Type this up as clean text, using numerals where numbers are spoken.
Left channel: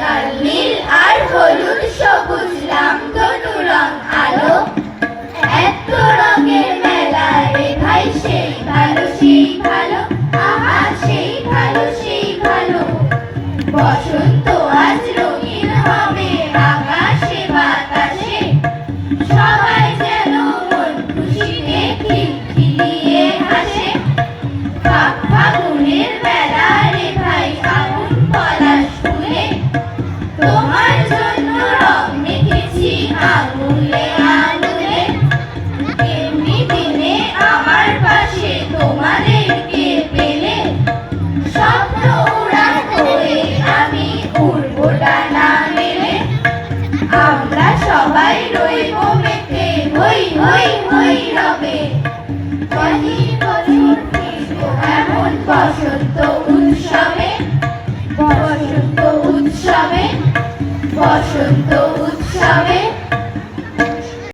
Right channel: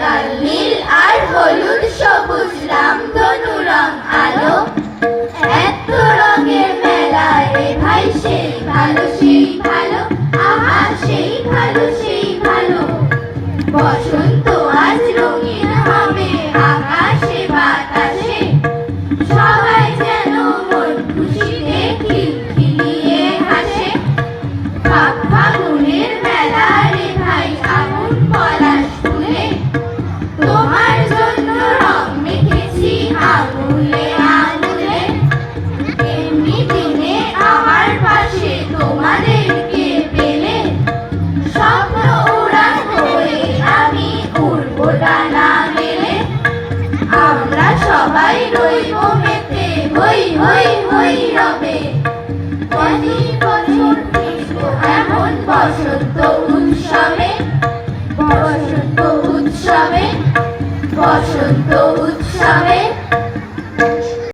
লাল নীল আর হলুদ সবুজ রামধনু রং আলো, এত রঙের মেলা রে ভাই সেই ভালো সেই ভালো, আহা সেই ভালো সেই ভালো। বসন্ত আজ রঙিন হবে আকাশে বাতাসে, সবাই যেন মন খুশিতে খিলখিলিয়ে হাসে। ফাগুনের মেলা রে ভাই আগুন পলাশ ফুলে, তোমার জন্য রং মেখেছি আঙুলে আঙুলে। এমনি দিনে আমার পাশে তোমাদেরকে পেলে, স্বপ্ন উড়ান হয়ে আমি উড়বো ডানা মেলে। আমরা সবাই রইব মেতে হই হই হই রবে, প্রতি বছর ফিরব এমন বসন্ত উৎসবে, বসন্ত উৎসবে, বসন্ত উৎসবে।